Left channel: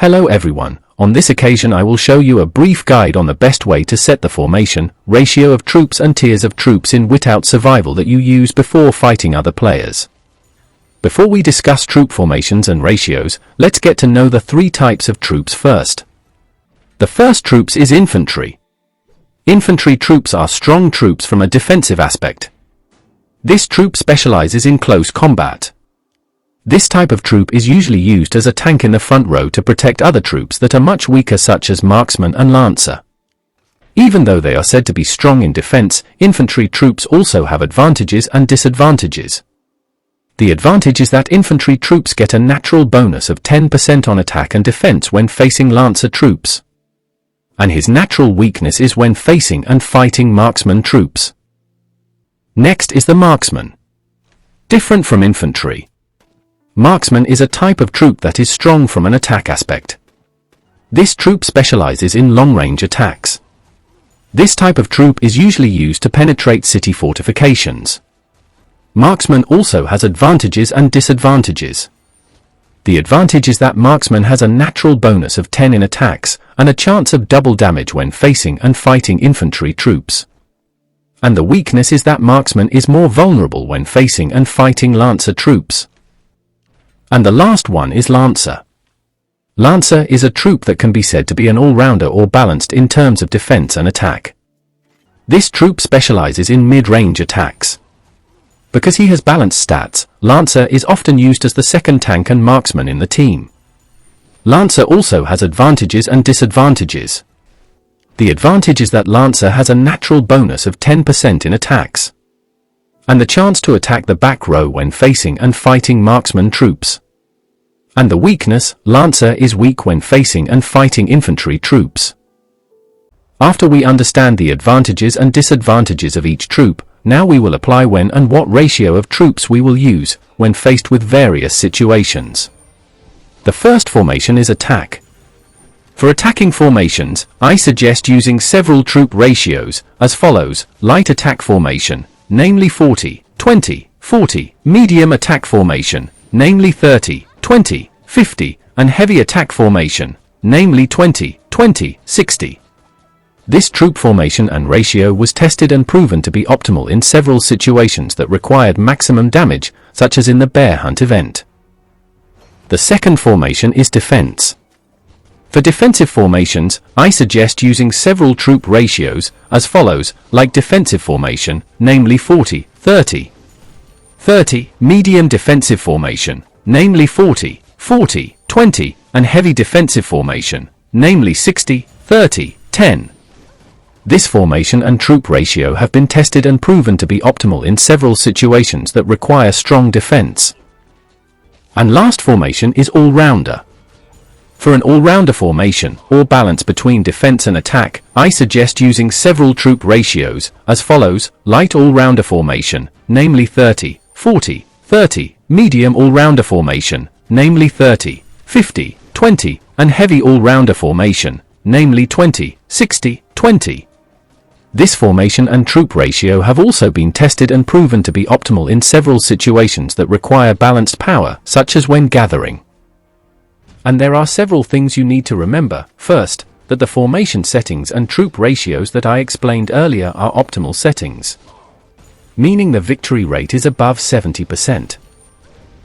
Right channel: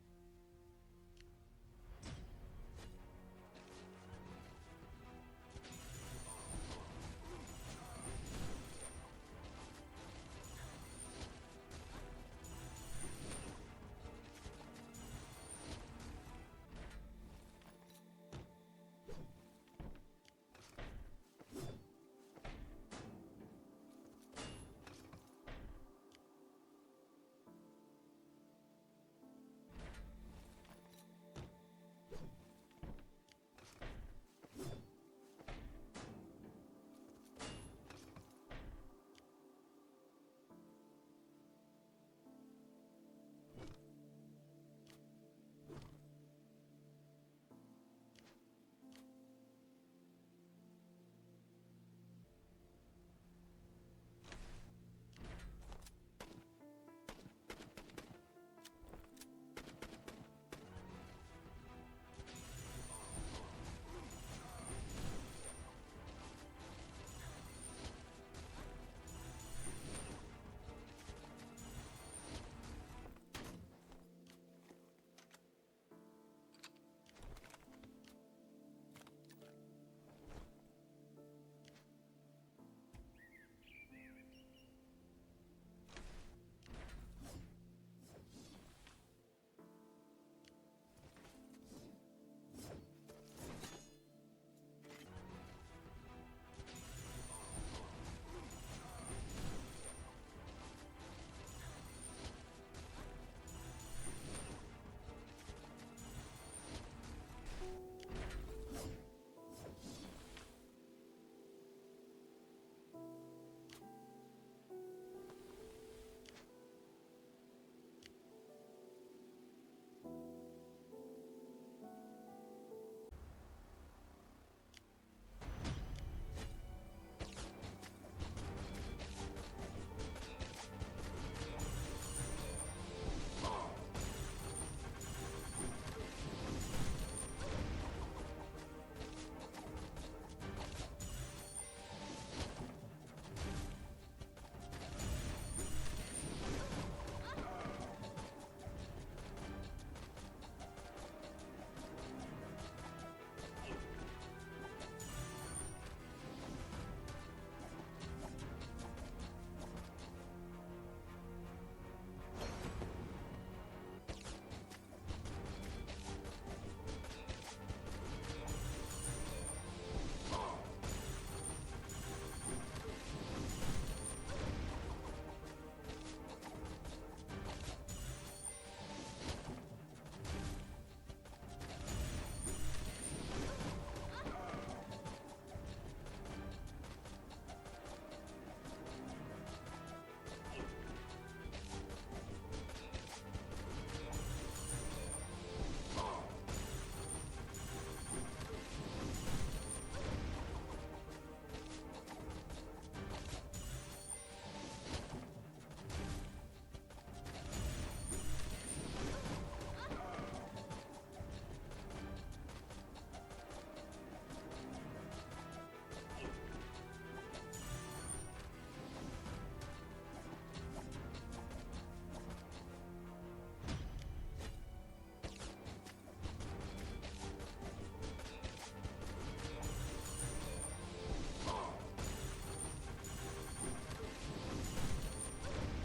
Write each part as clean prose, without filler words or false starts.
Hello everyone, on this occasion I will show you a brief guide on the best way to set the formation, ratio of troops and tiers of troops in Whiteout survival that you use before fighting other players. Before we discuss troop formations and ratios, let's get to know the three types of troops first. The first troops is infantry. Infantry troops are strong troops from a defensive aspect. This troop specializes in close combat. This type of troop is usually used as a tank in the front row to protect other troops that are much weaker, such as Marksman and Lancer. Even though they are said to be strong in defense, infantry troops also have advantages and disadvantages. The advantage is that infantry troops get a natural bonus of 10% on attack and defense when facing Lancer troops. And his natural weakness is when facing and fighting Marksman troops. Next is the Marksman. Different from infantry, Marksman is a type of troop that is strong from an attack aspect. This troop specializes in long-range attacks. This type of troop is usually used to penetrate city fortifications. Marksman also has advantages and disadvantages. The advantage is that Marksman has a natural bonus of 10 in attacks, and a chance of double damage when facing and fighting infantry troops. And the weakness is that Marksman is more vulnerable when facing and fighting Lancer troops. And the last one is Lancer. Lancer is a troop that can be said to be an all-rounder or balanced in terms of defense and attack. This troop specializes in mid-range attacks. Because he has balanced stats, Lancer is often used as the second tank and marksman in the team. Lancer also has advantages and disadvantages. The advantage is that Lancer has a natural bonus of 10% in attacks, and the chance to attack the back row when facing and fighting marksman troops. And the weakness, Lancer is weak when facing and fighting infantry troops. After we understand the advantages and disadvantages of each troop, now we will apply when and what ratio of troops we will use when faced with various situations. The first formation is attack. For attacking formations, I suggest using several troop ratios as follows: light attack formation, namely 40, 20, 40, medium attack formation, namely 30, 20, 50, and heavy attack formation, namely 20, 20, 60. This troop formation and ratio was tested and proven to be optimal in several situations that required maximum damage, such as in the bear hunt event. The second formation is defense. For defensive formations, I suggest using several troop ratios as follows: like defensive formation, namely 40, 30, 30, medium defensive formation, namely 40, 40, 20, and heavy defensive formation, namely 60, 30, 10. This formation and troop ratio have been tested and proven to be optimal in several situations that require strong defense. And last formation is all-rounder. For an all-rounder formation, or balance between defense and attack, I suggest using several troop ratios as follows: light all-rounder formation, namely 30, 40, 30, medium all-rounder formation, namely 30, 50, 20, and heavy all-rounder formation, namely 20, 60, 20. This formation and troop ratio have also been tested and proven to be optimal in several situations that require balanced power, such as when gathering. And there are several things you need to remember. First, that the formation settings and troop ratios that I explained earlier are optimal settings, meaning the victory rate is above 70%.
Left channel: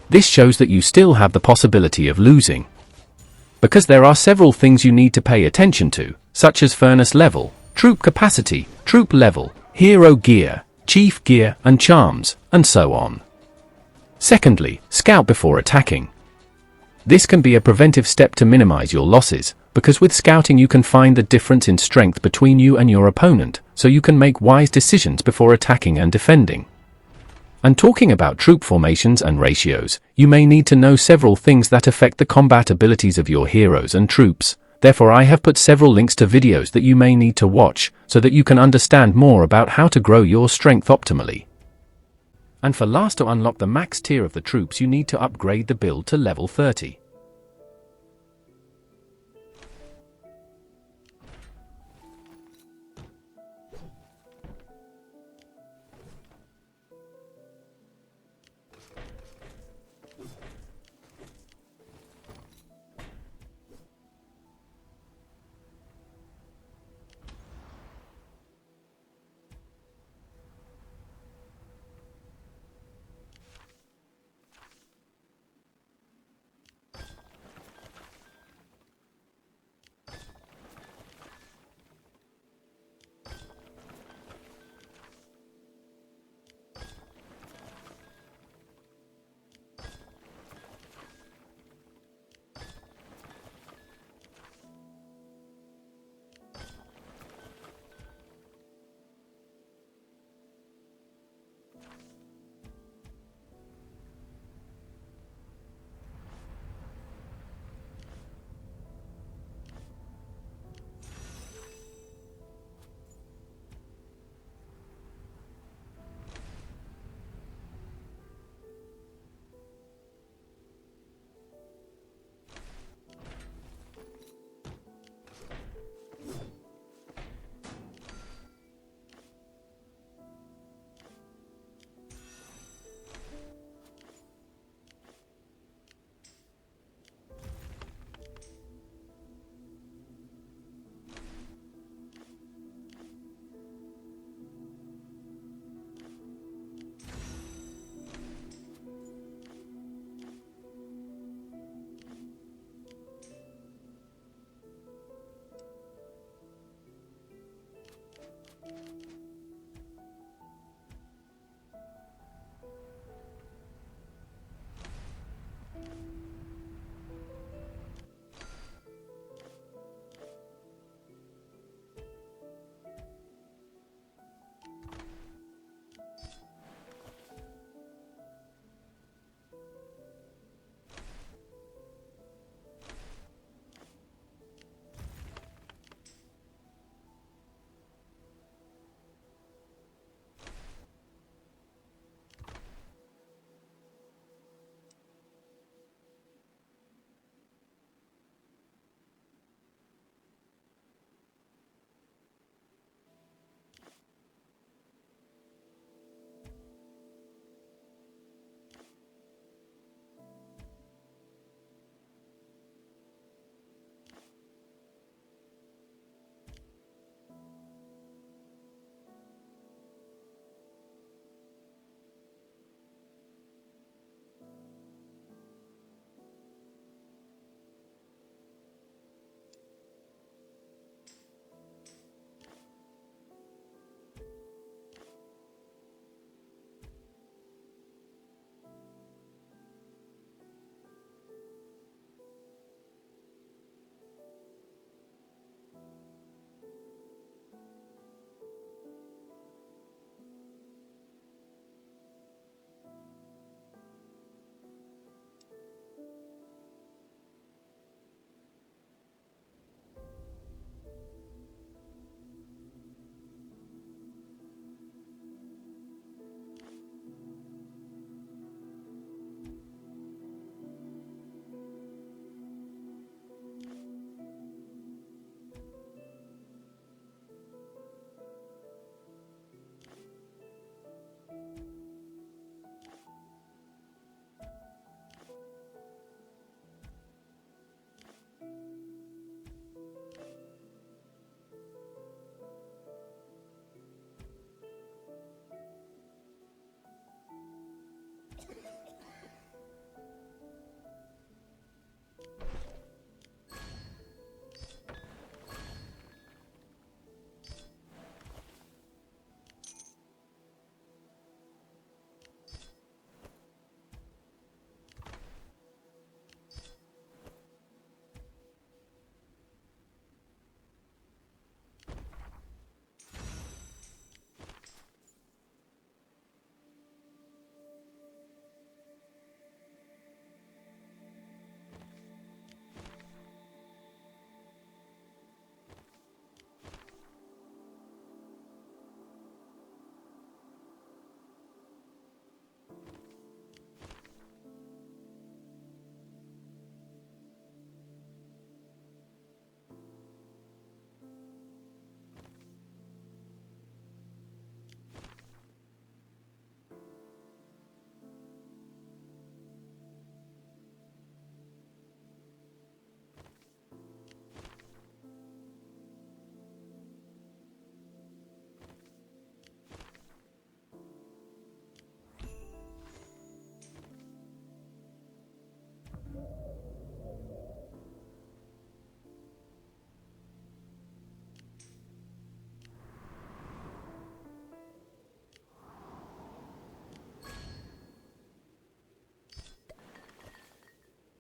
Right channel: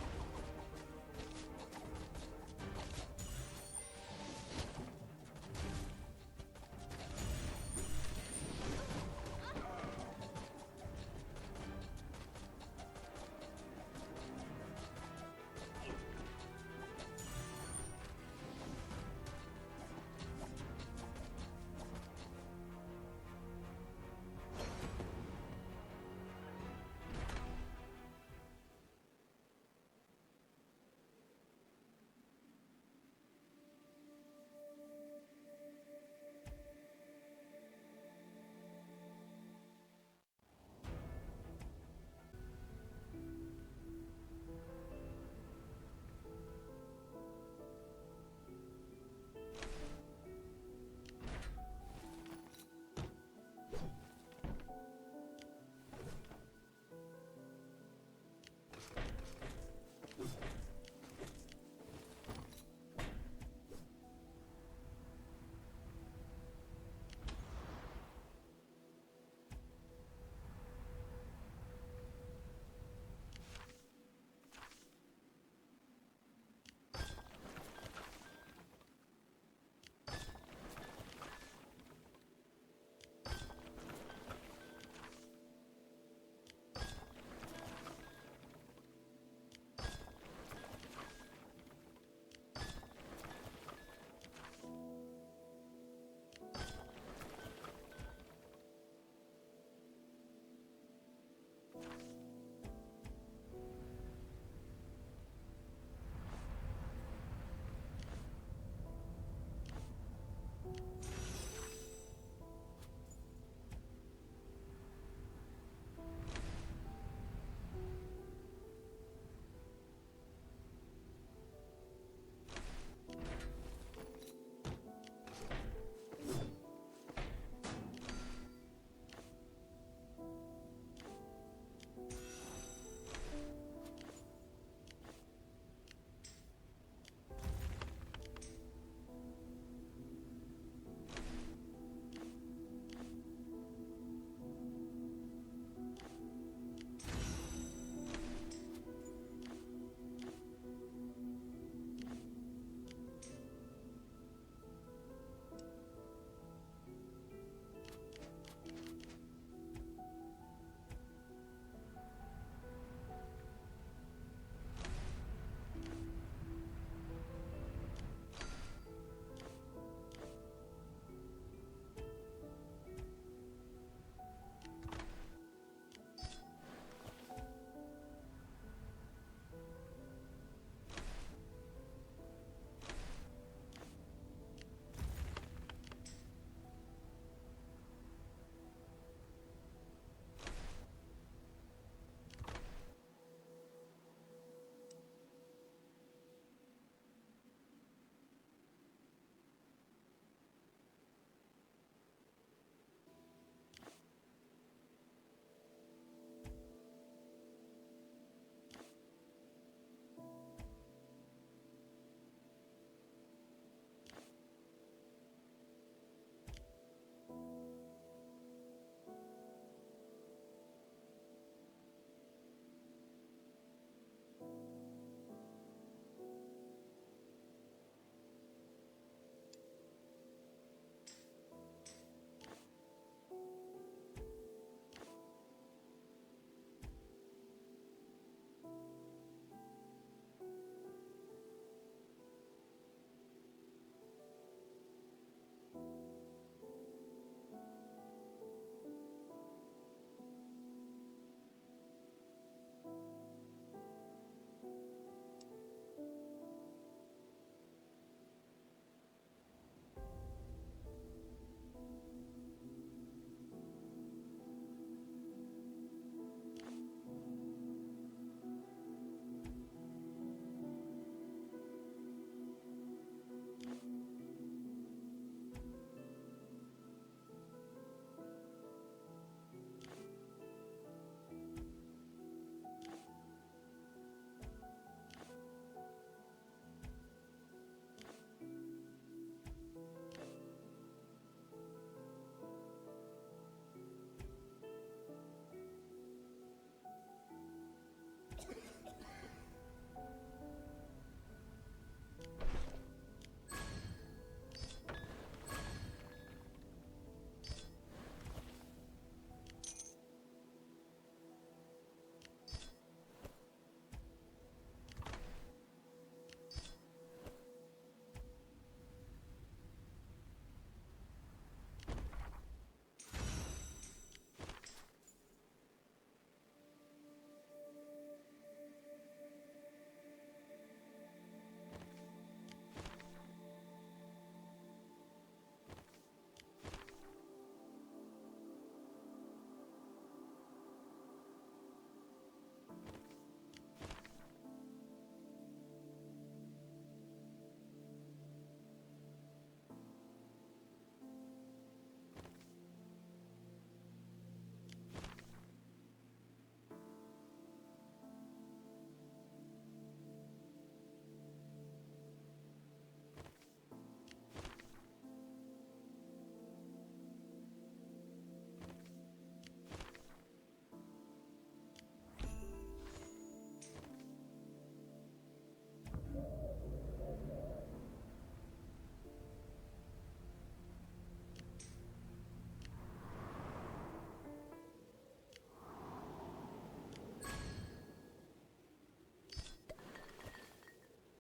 This shows that you still have the possibility of losing, because there are several things you need to pay attention to, such as furnace level, troop capacity, troop level, hero gear, chief gear and charms, and so on. Secondly, scout before attacking. This can be a preventive step to minimize your losses, because with scouting you can find the difference in strength between you and your opponent, so you can make wise decisions before attacking and defending. And talking about troop formations and ratios, you may need to know several things that affect the combat abilities of your heroes and troops. Therefore I have put several links to videos that you may need to watch, so that you can understand more about how to grow your strength optimally. And for last, to unlock the max tier of the troops, you need to upgrade the build to level 30.